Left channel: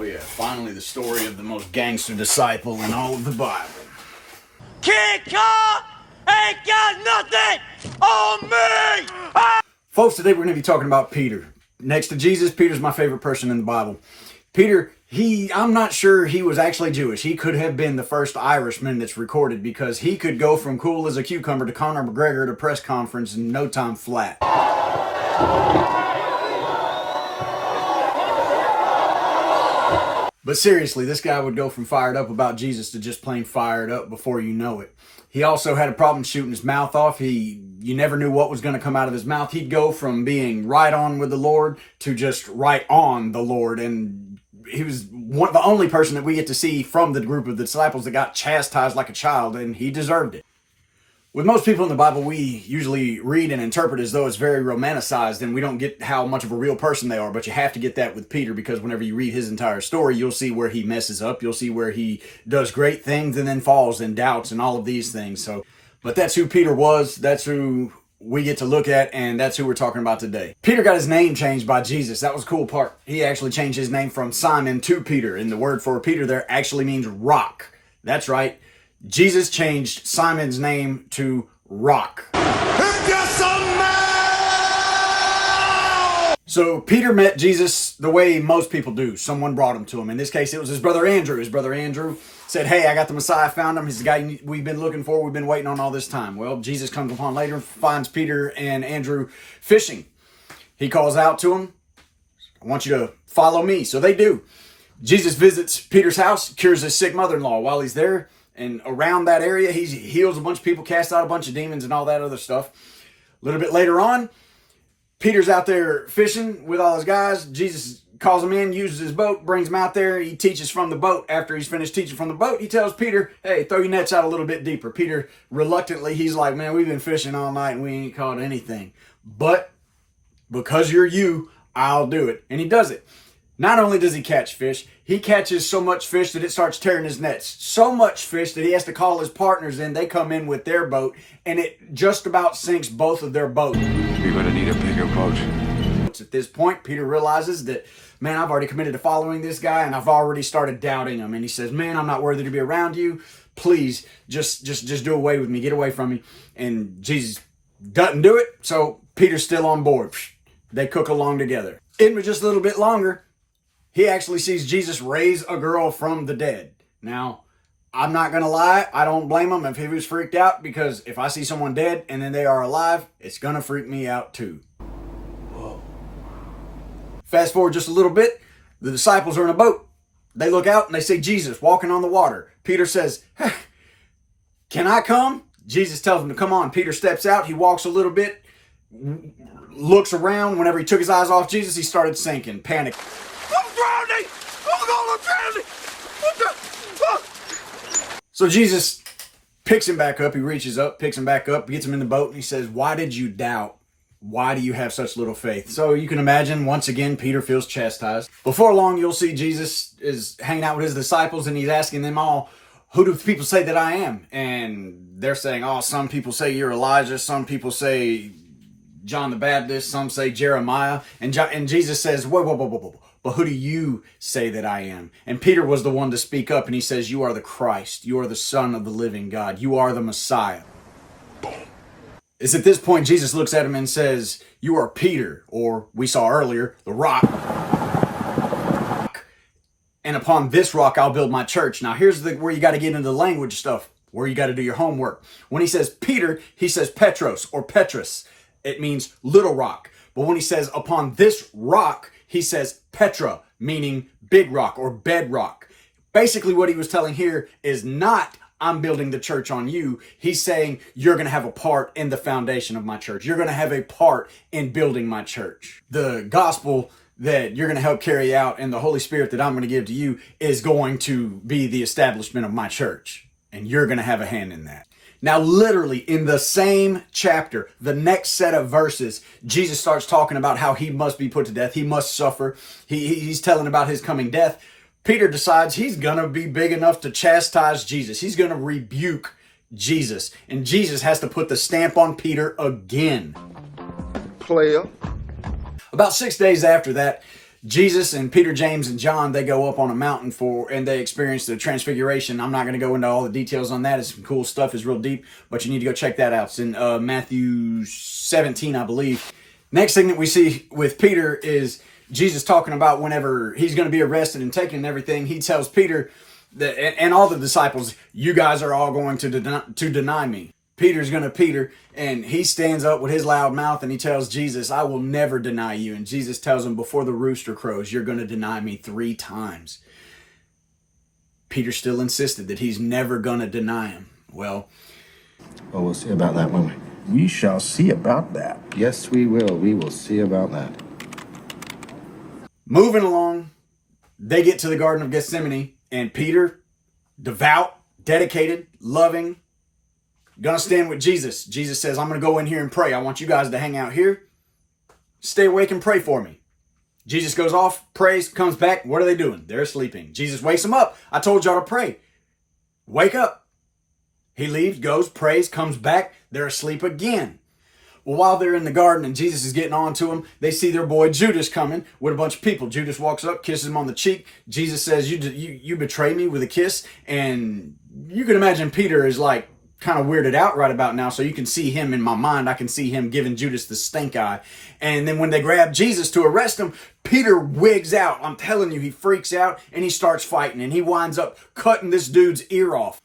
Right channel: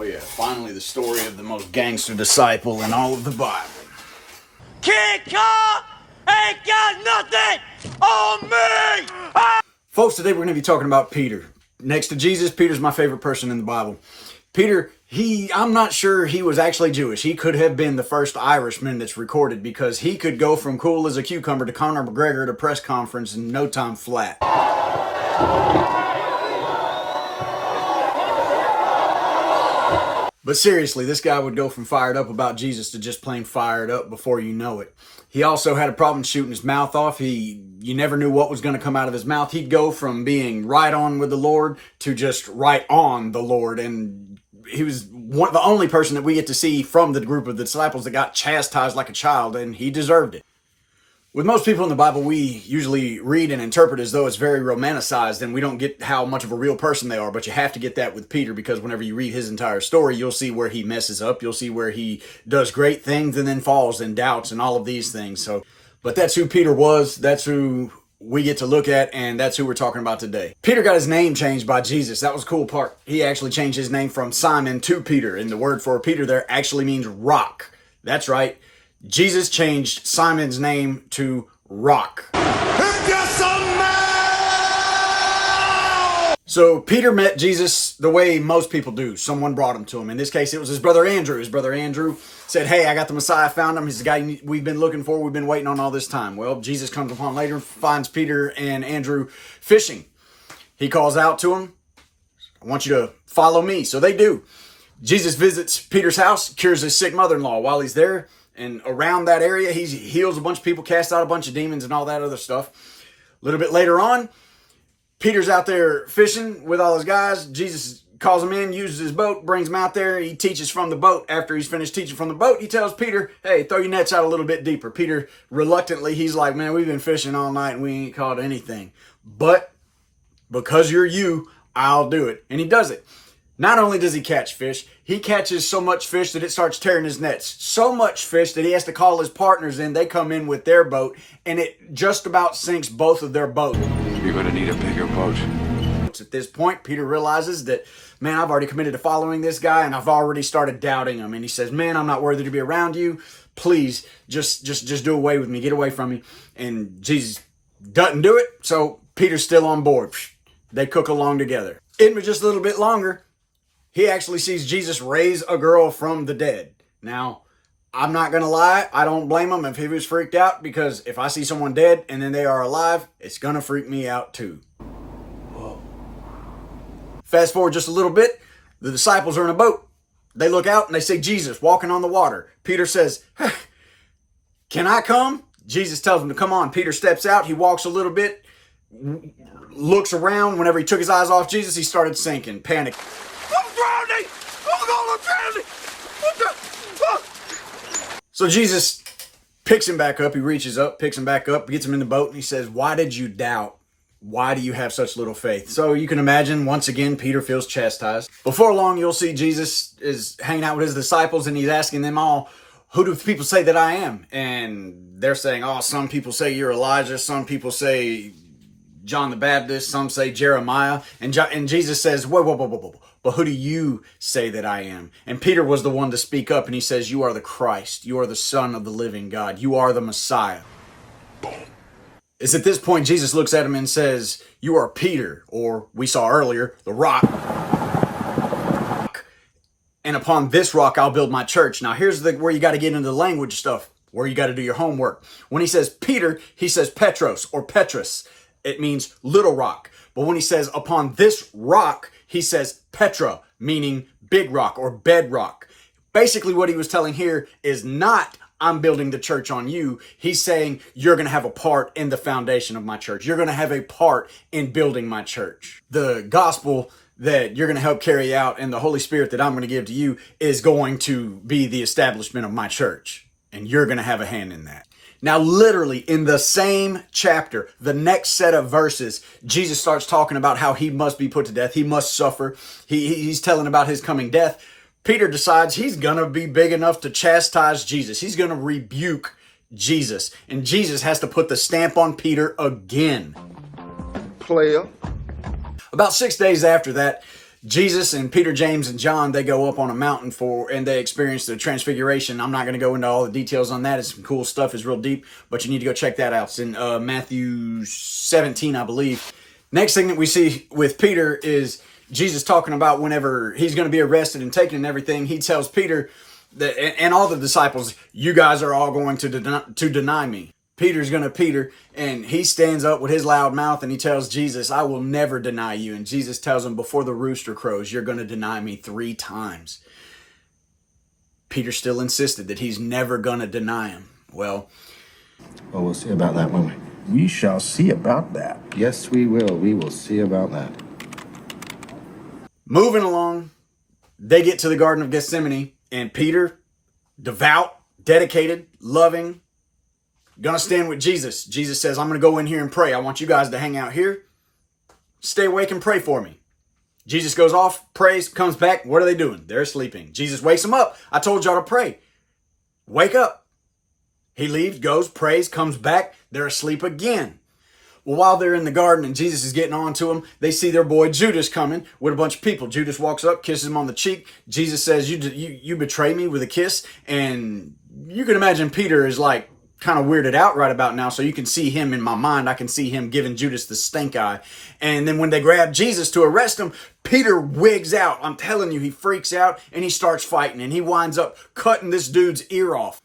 Oh yeah, finally the story of the most gangster disciple in all of the Bible. Kid Car ain't got nothing on me! Folks, today we're going to be talking about Peter. Next to Jesus, Peter's my favorite person in the Bible. Peter, I'm not sure he was actually Jewish. He could have been the first Irishman that's recorded because he could go from cool as a cucumber to Conor McGregor at a press conference in no time flat. But seriously, this guy would go from fired up about Jesus to just plain fired up before you know it. He also had a problem shooting his mouth off. You never knew what was going to come out of his mouth. He'd go from being right on with the Lord to just right on the Lord. And he was the only person that we get to see from the group of the disciples that got chastised like a child, and he deserved it. With most people in the Bible, we usually read and interpret as though it's very romanticized and we don't get how much of a real person they are. But you have to get that with Peter, because whenever you read his entire story, you'll see where he messes up. You'll see where he does great things and then falls and doubts and all of these things. But that's who Peter was. That's who we get to look at, and that's who we're talking about today. Peter got his name changed by Jesus. That was a cool part. He actually changed his name from Simon to Peter, and the word for Peter there actually means rock. That's right. Jesus changed Simon's name to Rock. So Peter met Jesus the way most people do. Someone brought him to him. In this case, it was his brother Andrew. His brother Andrew said, "Hey, I got the Messiah, found him. He's the guy we've been looking for. We've been waiting on all this time." Well, Jesus comes upon later, finds Peter and Andrew fishing. He calls out to him, "I want you to follow me." So they do. Jesus visits Peter's house, cures his sick mother-in-law. While he's there and around that area, he heals a bunch of people, casts out a bunch of demons and all that other stuff. A little bit later on, Peter's out there fishing with all his guys. Jesus calls him in, uses his boat, brings him out there. He teaches from the boat. After he's finished teaching from the boat, he tells Peter, "Hey, throw your nets out a little bit deeper." Peter, reluctantly, he's like, "Man, we've been fishing all night and we ain't caught anything. But because you're you, I'll do it." And he does it. Not only does he catch fish, he catches so much fish that it starts tearing his nets. So much fish that he has to call his partners in. They come in with their boat, and it just about sinks both of their boats. You're going to need a bigger boat. At this point, Peter realizes that, man, I've already committed to following this guy, and I've already started doubting him. And he says, "Man, I'm not worthy to be around you. Please, just do away with me. Get away from me." And Jesus doesn't do it, so Peter's still on board. They cook along together. In just a little bit longer, he actually sees Jesus raise a girl from the dead. Now, I'm not going to lie. I don't blame him if he was freaked out, because if I see someone dead and then they are alive, it's going to freak me out too. Whoa. Fast forward just a little bit. The disciples are in a boat. They look out and they see Jesus walking on the water. Peter says, "Hey, can I come?" Jesus tells him to come on. Peter steps out. He walks a little bit, looks around. Whenever he took his eyes off Jesus, he started sinking, panic. I'm drowning! Oh God, I'm drowning! So Jesus picks him back up. He reaches up, picks him back up, gets him in the boat, and he says, "Why did you doubt? Why do you have such little faith?" So you can imagine, once again, Peter feels chastised. Before long, you'll see Jesus is hanging out with his disciples, and he's asking them all, "Who do people say that I am?" And they're saying, "Oh, some people say you're Elijah. Some people say John the Baptist. Some say Jeremiah." And Jesus says, whoa. "But who do you say that I am?" And Peter was the one to speak up, and he says, "You are the Christ. You are the Son of the living God. You are the Messiah." It's at this point Jesus looks at him and says, "You are Peter," or we saw earlier, the rock. "And upon this rock I'll build my church." Now here's where you got to get into the language stuff, where you got to do your homework. When he says Peter, he says Petros or Petrus. It means little rock. But when he says upon this rock, he says Petra, meaning big rock or bedrock. Basically what he was telling here is not, "I'm building the church on you." He's saying, you're going to have a part in the foundation of my church. You're going to have a part in building my church. The gospel that you're going to help carry out and the Holy Spirit that I'm going to give to you is going to be the establishment of my church. And you're going to have a hand in that. Now, literally in the same chapter, the next set of verses, Jesus starts talking about how he must be put to death. He must suffer. He's telling about his coming death. Peter decides he's going to be big enough to chastise Jesus. He's going to rebuke Jesus. And Jesus has to put the stamp on Peter again. Player. About 6 days after that, Jesus and Peter, James, and John, they go up on a mountain and they experience the transfiguration. I'm not going to go into all the details on that. It's some cool stuff. It's real deep, but you need to go check that out. It's in Matthew 17, I believe. Next thing that we see with Peter is Jesus talking about whenever he's going to be arrested and taken and everything. He tells Peter that, and all the disciples, you guys are all going to deny me. Peter's going to Peter, and he stands up with his loud mouth and he tells Jesus, I will never deny you. And Jesus tells him, before the rooster crows, you're going to deny me 3 times. Peter still insisted that he's never going to deny him. Well, we'll see about that, won't we? We shall see about that. Yes, we will. We will see about that. Moving along, they get to the Garden of Gethsemane, and Peter, devout, dedicated, loving, gonna stand with Jesus. Jesus says, I'm gonna go in here and pray. I want you guys to hang out here. Stay awake and pray for me. Jesus goes off, prays, comes back. What are they doing? They're sleeping. Jesus wakes them up. I told y'all to pray. Wake up. He leaves, goes, prays, comes back. They're asleep again. Well, while they're in the garden and Jesus is getting on to them, they see their boy Judas coming with a bunch of people. Judas walks up, kisses him on the cheek. Jesus says, you betray me with a kiss. And you can imagine Peter is like, kind of weirded out right about now, so you can see him in my mind. I can see him giving Judas the stink eye. And then when they grab Jesus to arrest him, Peter wigs out. I'm telling you, he freaks out and he starts fighting, and he winds up cutting this dude's ear off.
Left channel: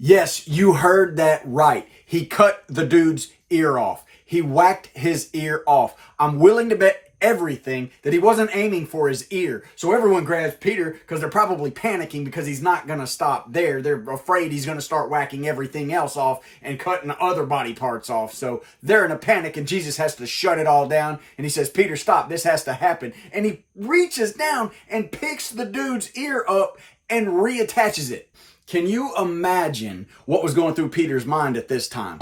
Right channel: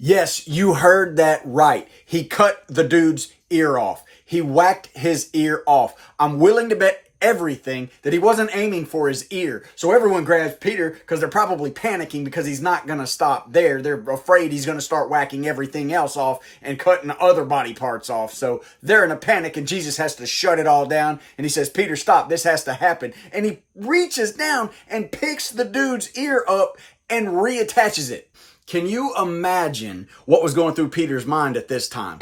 Yes, you heard that right. He cut the dude's ear off. He whacked his ear off. I'm willing to bet everything that he wasn't aiming for his ear. So everyone grabs Peter because they're probably panicking because he's not going to stop there. They're afraid he's going to start whacking everything else off and cutting other body parts off. So they're in a panic, and Jesus has to shut it all down. And he says, Peter, stop. This has to happen. And he reaches down and picks the dude's ear up and reattaches it. Can you imagine what was going through Peter's mind at this time?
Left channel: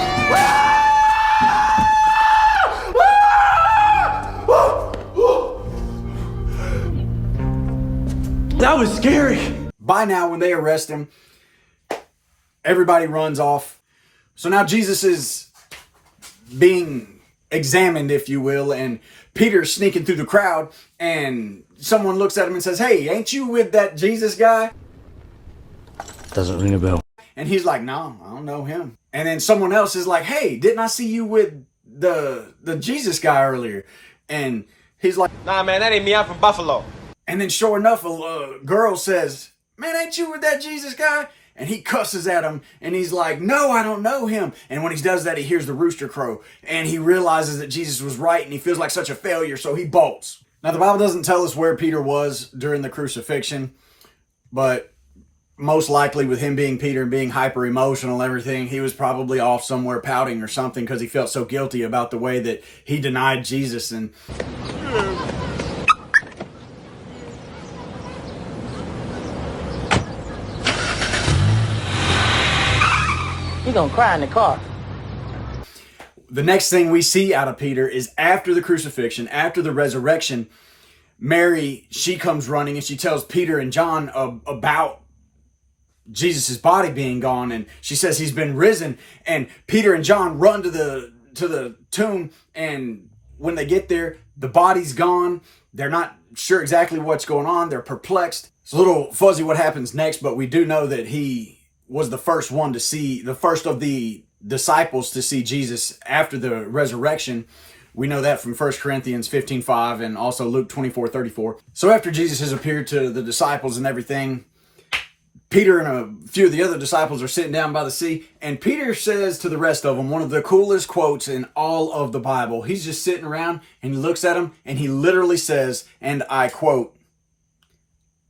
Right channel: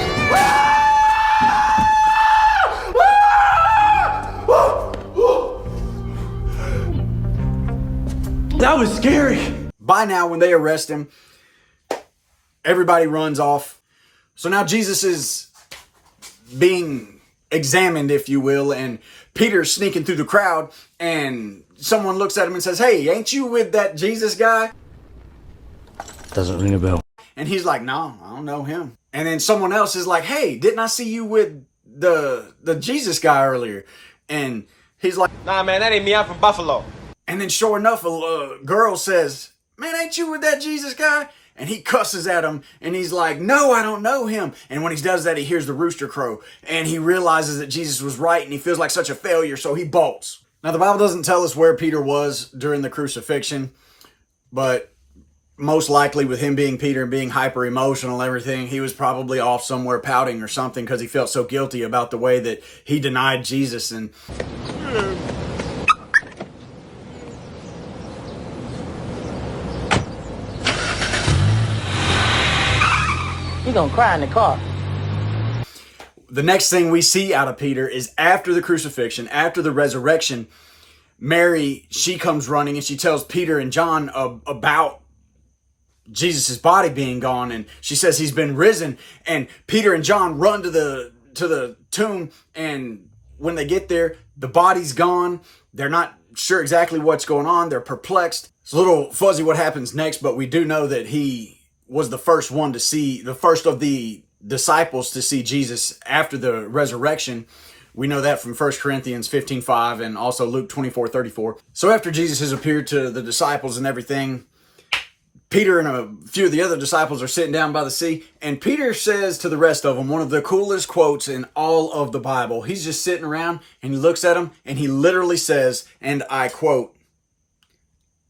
That was scary. By now, when they arrest him, everybody runs off. So now Jesus is being examined, if you will, and Peter's sneaking through the crowd, and someone looks at him and says, hey, ain't you with that Jesus guy? Doesn't ring a bell. And he's like, no, I don't know him. And then someone else is like, hey, didn't I see you with the Jesus guy earlier? And he's like, nah, man, that ain't me. I'm from Buffalo. And then sure enough, a girl says, man, ain't you with that Jesus guy? And he cusses at him, and he's like, no, I don't know him. And when he does that, he hears the rooster crow, and he realizes that Jesus was right, and he feels like such a failure, so he bolts. Now, the Bible doesn't tell us where Peter was during the crucifixion, but most likely with him being Peter and being hyper emotional and everything, he was probably off somewhere pouting or something because he felt so guilty about the way that he denied Jesus. And You're gonna cry in the car. the next thing we see out of Peter is after the crucifixion, after the resurrection, Mary, she comes running and she tells Peter and John about Jesus' body being gone, and she says he's been risen. And Peter and John run to the tomb, and when they get there, the body's gone. They're not sure exactly what's going on. They're perplexed. It's a little fuzzy what happens next, but we do know that he was the first one to see, the first of the disciples to see Jesus after the resurrection. We know that from 1 Corinthians 15:5 and also Luke 24:34. So after Jesus has appeared to the disciples and everything, Peter and a few of the other disciples are sitting down by the sea, and Peter says to the rest of them one of the coolest quotes in all of the Bible. He's just sitting around and he looks at them and he literally says, and I quote,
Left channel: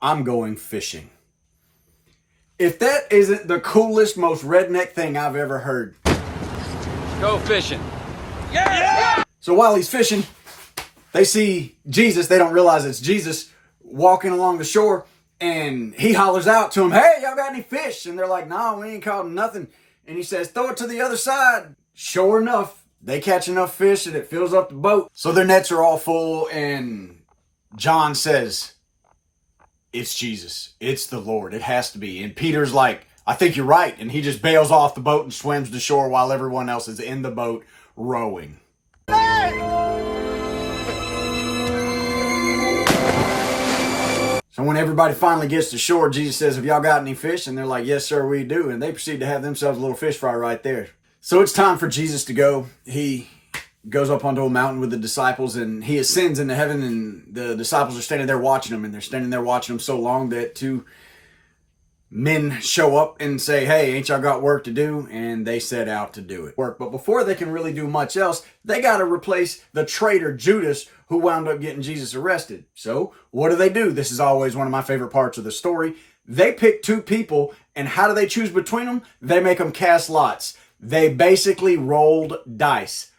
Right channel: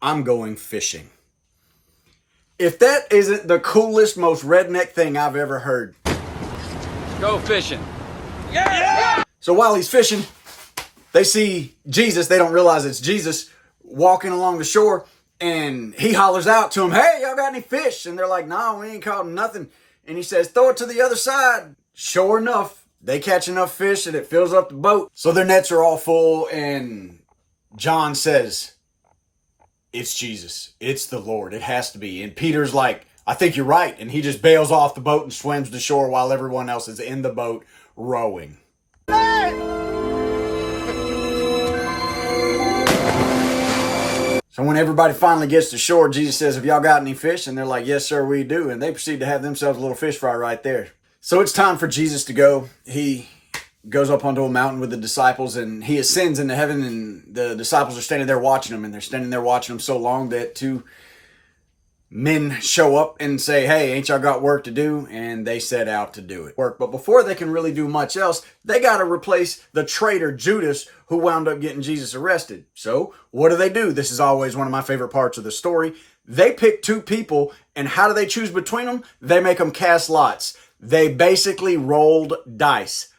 "I'm going fishing." If that isn't the coolest, most redneck thing I've ever heard. Go fishing. So while he's fishing, they see Jesus. They don't realize it's Jesus walking along the shore. And he hollers out to them, "Hey, y'all got any fish?" And they're like, "No, we ain't caught nothing." And he says, "Throw it to the other side." Sure enough, they catch enough fish that it fills up the boat. So their nets are all full. And John says, "It's Jesus. It's the Lord. It has to be." And Peter's like, "I think you're right." And he just bails off the boat and swims to shore while everyone else is in the boat rowing. And when everybody finally gets to shore, Jesus says, have y'all got any fish? And they're like, yes, sir, we do. And they proceed to have themselves a little fish fry right there. So it's time for Jesus to go. He goes up onto a mountain with the disciples and he ascends into heaven, and the disciples are standing there watching him, and they're standing there watching him so long that two men show up and say, hey, ain't y'all got work to do? And they set out to do it. But before they can really do much else, they got to replace the traitor Judas, who wound up getting Jesus arrested. So what do? This is always one of my favorite parts of the story. They pick two people, and how do they choose between them? They make them cast lots. They basically rolled dice.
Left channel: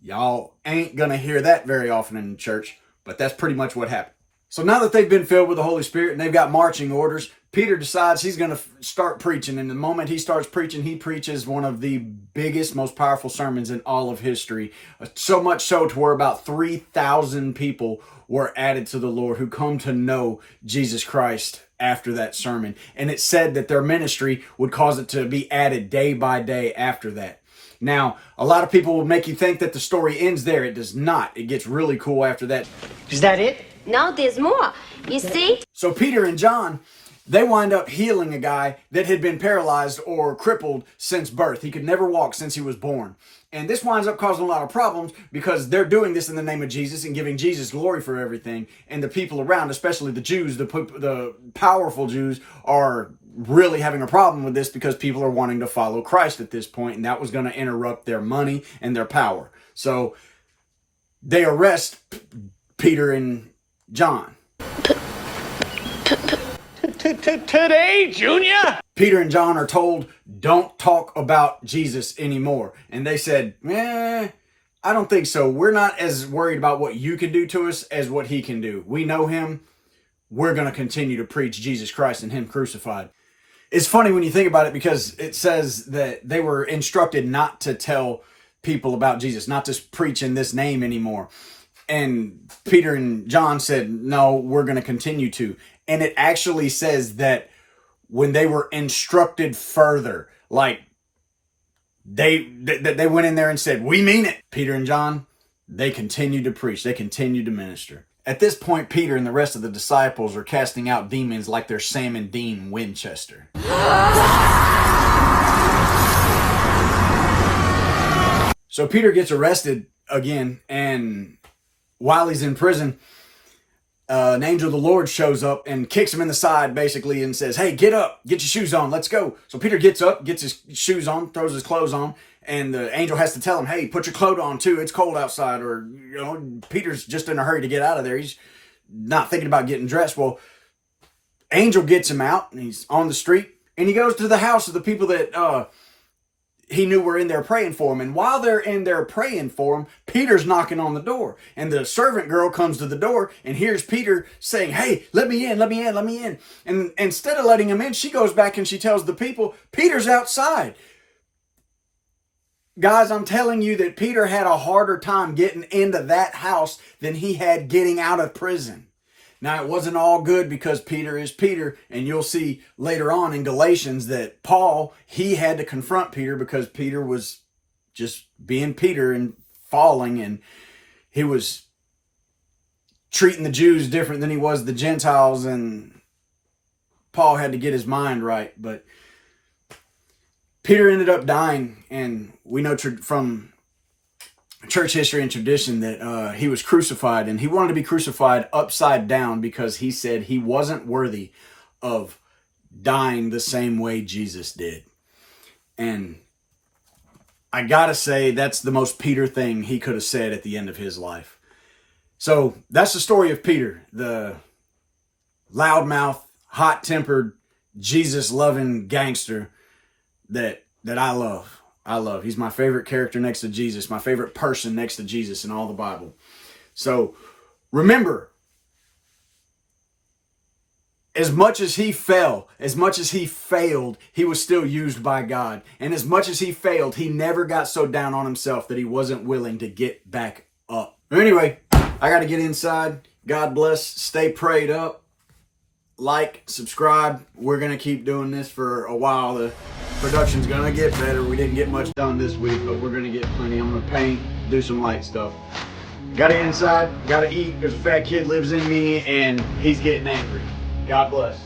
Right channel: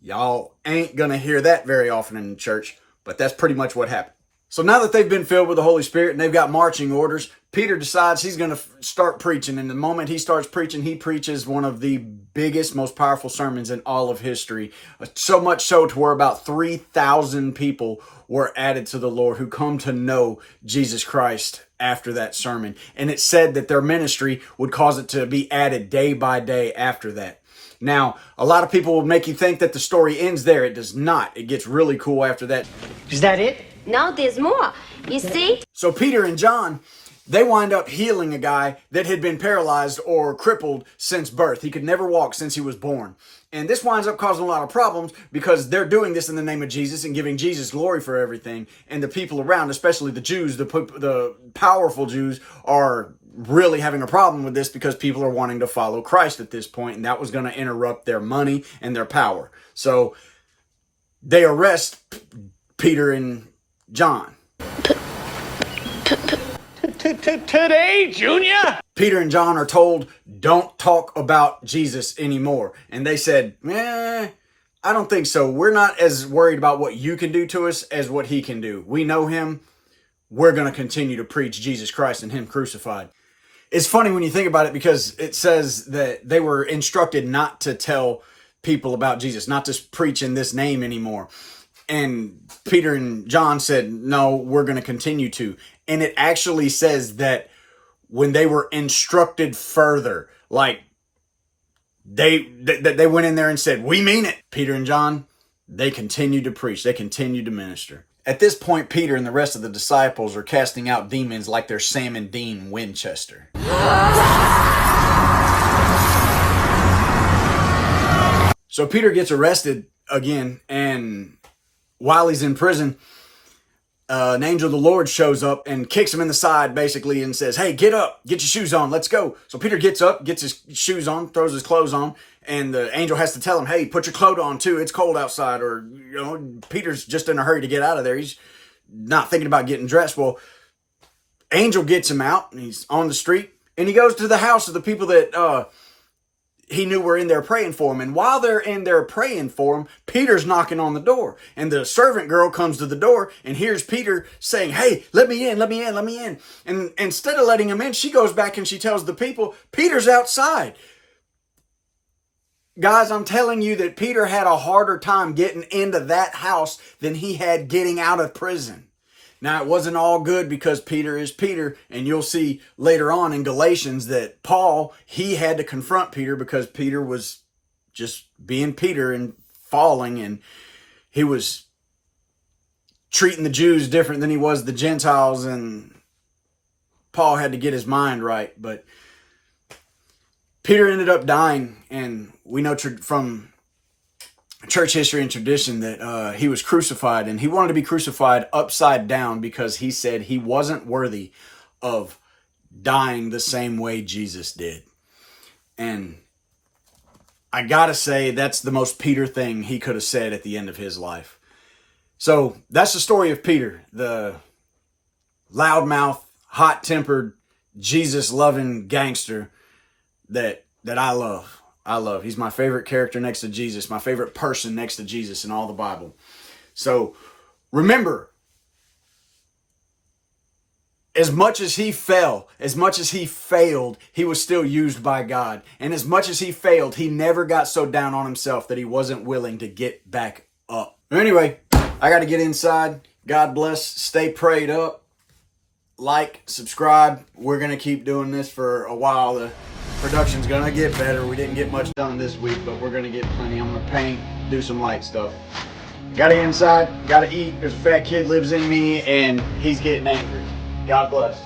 Y'all ain't gonna hear that very often in church, but that's pretty much what happened. So now that they've been filled with the Holy Spirit and they've got marching orders, Peter decides he's going to start preaching. And the moment he starts preaching, he preaches one of the biggest, most powerful sermons in all of history. So much so to where about 3,000 people were added to the Lord who come to know Jesus Christ after that sermon. And it said that their ministry would cause it to be added day by day after that. Now, a lot of people will make you think that the story ends there. It does not. It gets really cool after that. Is that it? No, there's more. You see? So Peter and John, they wind up healing a guy that had been paralyzed or crippled since birth. He could never walk since he was born. And this winds up causing a lot of problems because they're doing this in the name of Jesus and giving Jesus glory for everything. And the people around, especially the Jews, the powerful Jews, are really having a problem with this because people are wanting to follow Christ at this point, and that was going to interrupt their money and their power. So they arrest Peter and John. Today, Junior? Peter and John are told, don't talk about Jesus anymore. And they said, I don't think so. We're not as worried about what you can do to us as what he can do. We know him. We're going to continue to preach Jesus Christ and him crucified. It's funny when you think about it because it says that they were instructed not to tell people about Jesus, not to preach in this name anymore. And Peter and John said, no, we're going to continue to. And it actually says that when they were instructed further, like they went in there and said, we mean it. Peter and John, they continued to preach. They continued to minister. At this point, Peter and the rest of the disciples are casting out demons like they're Sam and Dean Winchester. So Peter gets arrested again, and while he's in prison, an angel of the Lord shows up and kicks him in the side basically and says, hey, get up, get your shoes on, let's go. So Peter gets up, gets his shoes on, throws his clothes on, and the angel has to tell him, hey, put your coat on too, it's cold outside. Or, Peter's just in a hurry to get out of there. He's not thinking about getting dressed. Well, angel gets him out and he's on the street and he goes to the house of the people that he knew were in there praying for him. And while they're in there praying for him, Peter's knocking on the door. And the servant girl comes to the door and hears Peter saying, hey, let me in, let me in, let me in. And instead of letting him in, she goes back and she tells the people, Peter's outside. Guys, I'm telling you that Peter had a harder time getting into that house than he had getting out of prison. Now, it wasn't all good because Peter is Peter, and you'll see later on in Galatians that Paul, he had to confront Peter because Peter was just being Peter and falling, and he was treating the Jews different than he was the Gentiles, and Paul had to get his mind right. But Peter ended up dying, and we know from church history and tradition that he was crucified, and he wanted to be crucified upside down because he said he wasn't worthy of dying the same way Jesus did. And I gotta say, that's the most Peter thing he could have said at the end of his life. So that's the story of Peter, the loudmouth, hot-tempered, Jesus-loving gangster that I love. He's my favorite character next to Jesus, my favorite person next to Jesus in all the Bible. So remember, as much as he fell, as much as he failed, he was still used by God. And as much as he failed, he never got so down on himself that he wasn't willing to get back up. Anyway, I got to get inside. God bless. Stay prayed up. Like, subscribe. We're going to keep doing this for a while. The production's going to get better. We didn't get much done this week, but we're going to get plenty. I'm going to paint, do some light stuff. Got to get inside. Got to eat. There's a fat kid lives in me, and he's getting angry. God bless.